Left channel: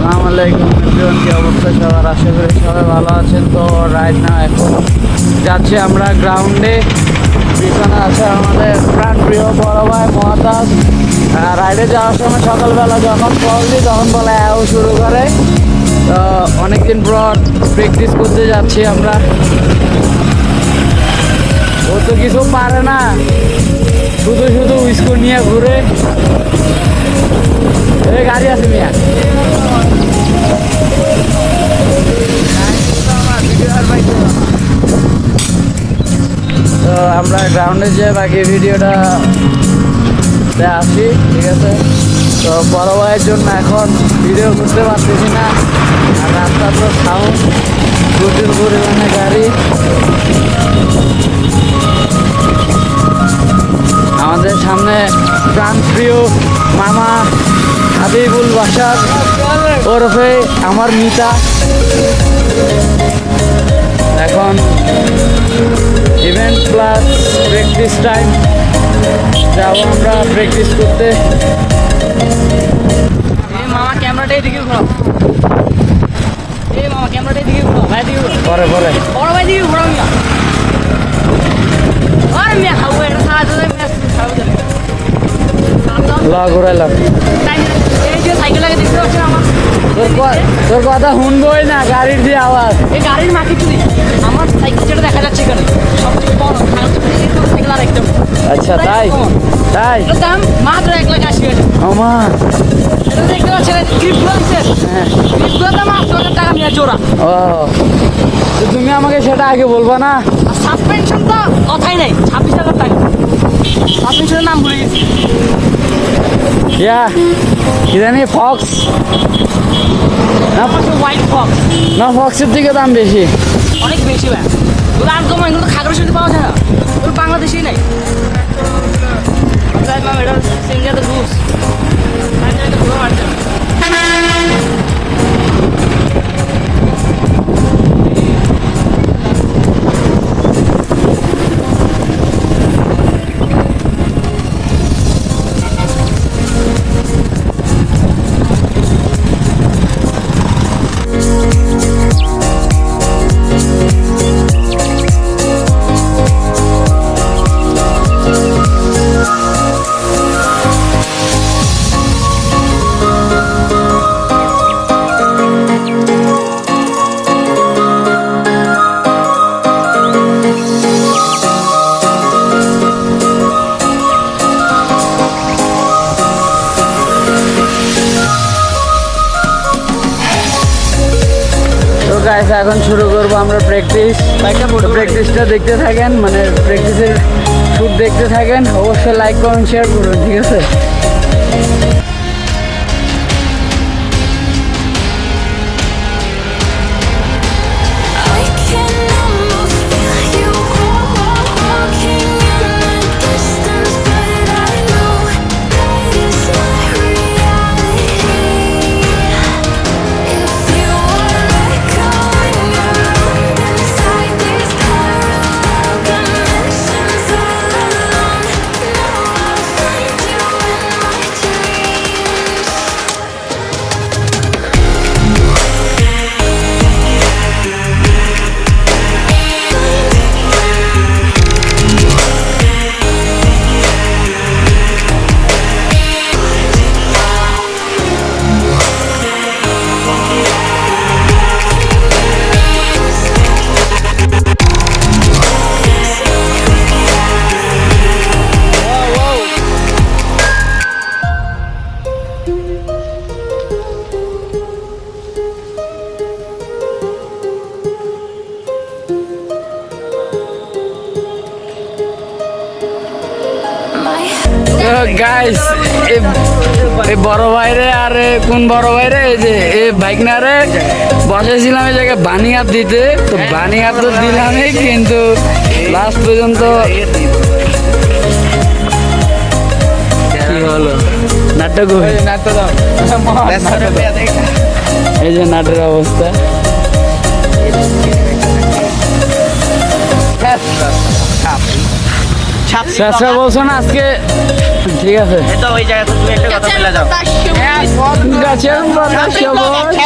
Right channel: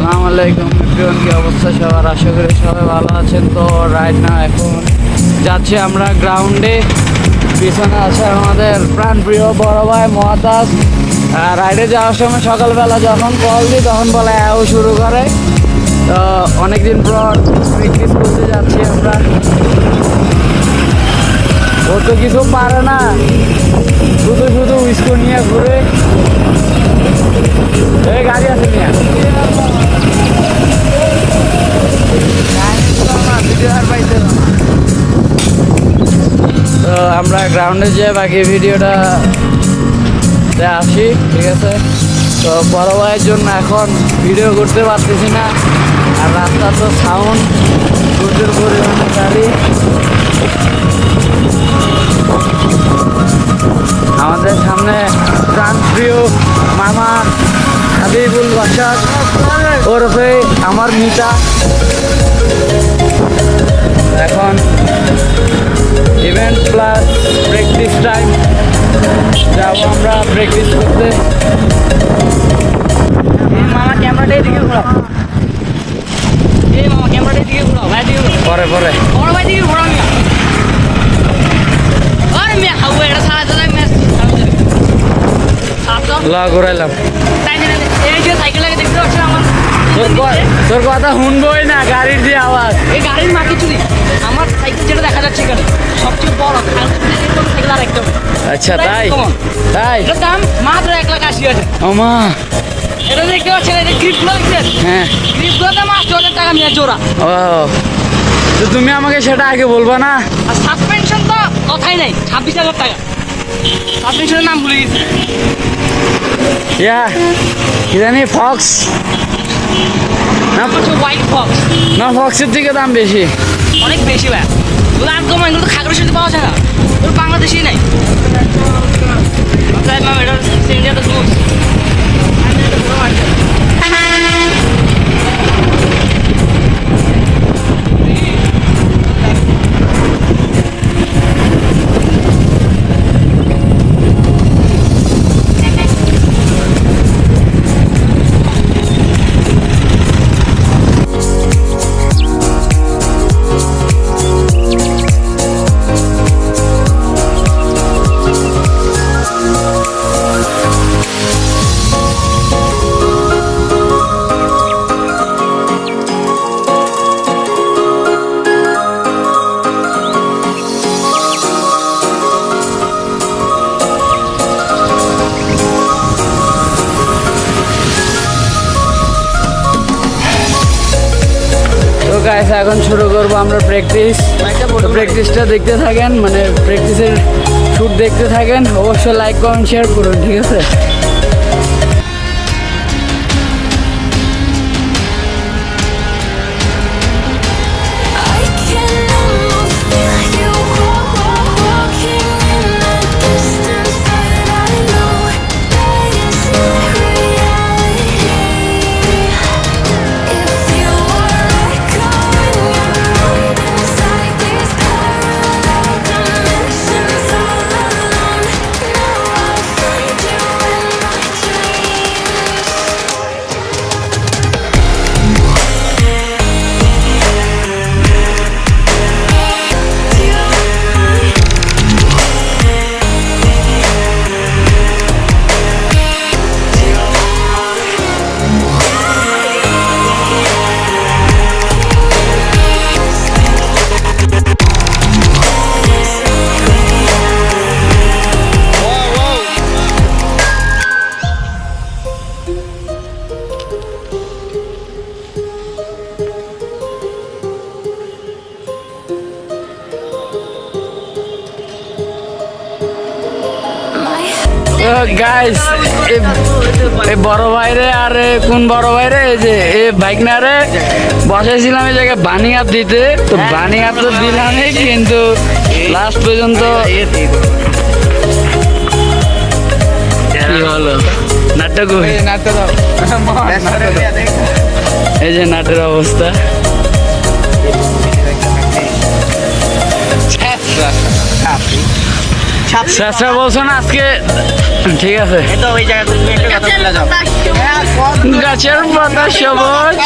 আসসালামু আলাইকুম এভরিওয়ান, কি অবস্থা সবার? আশা করি সবাই ভালো আছেন। তো রাইট না এখন যাচ্ছি আমরা গ্রাউন্ডে। পিছনে আছে আমাদের প্রাণপ্রিয় বড় ভাই মহাতাজ। রাইডে যাওয়ার সময় সকালবেলা যখন কল দিই তখন বলে আও শুরু করে। তো অনেকদিন পর প্র্যাকটিস করতে যাচ্ছি আমরা। ও তো কিছু পারে না, শুধু শুধু স্কুল নিয়ে ঘুরে। এই গাড়ি আছে নিয়ে। তো আমরা গ্রাউন্ডে যেয়ে বাকি ভিডিওটা আসি, ঠিক আছে? তো বড় ভাইয়ের জন্য এখন ভিডিও করতে পারতেছি না। আর রাস্তা তো সাউন্ড, প্রচুর পরিমাণে গাড়ি। আমাদের সামনে প্রাণপ্রিয় মামা হাবিবুল বাসার ওরফে আমার মিতা। এখন ইভেন্ট প্লাস প্র্যাকটিস টাইম, যাবো আমরা প্র্যাকটিস করতে। পরে পরে ঘুরাইলাম। তোর কথা শুনবই না, গাড়ির দিয়ে আওয়াজ। এই গাড়ির মাকে চুরি আমার সাইকেল যেটা দেখা যাচ্ছে এখানে সবচেয়ে বড় সাইকেল আর একটা। আচ্ছা তাই তাই এটার দাম মাত্র 1,80,000 টাকা। ও মা, এটা দেখতে পাচ্ছেন, এটা গ্রিপগুলো আছে। হ্যাঁ, গ্রিপগুলোর দাম 8,000 টাকা নিয়ে জোড়া। ও তো তুমি আমাকে সেটা আগে বলবা না? আর সাসপেনশন তো কথাই নাই, 26,000 টাকা। সাসপেনশনের নাম ভুলে গেছি। ইয়া কি জানি, ফক্স না? হোয়াইট ফক্স না, ফক্সের দিকে দাম বেশি, অনেক বেশি ভাই। যদি আর কমে কিন্তু খাগড়ের সাথে পাওয়া যায় না, ওই বাংলাদেশেই নাই। এটা সিঙ্গাটা লুজ। তো গাইস এখন শুরু করবো আমরা প্র্যাকটিস। প্র্যাকটিসটা দেখতে থাকেন, মানে প্র্যাকটিসের শুট দেখতে থাকেন। অবশ্যই লাইক কমেন্ট শেয়ার করুন, ঠিক আছে? গাইস এই বড় ভাইরে আর কোন বড় ভাইরে, এই যে এই বাইক না রে বসেছিলাম এই জায়গায় বানিয়াপ দিতে। তো বানিয়াপ তো দিলামই, কিন্তু লাস্ট পর্যন্ত কি হলো, নাটক এই যে নাটের অবস্থা। বলছো না আজকে ঠিক আছে এটা ওই জায়গা তুমি একটা কথা বলে যাও গাছের পাতা সবুজ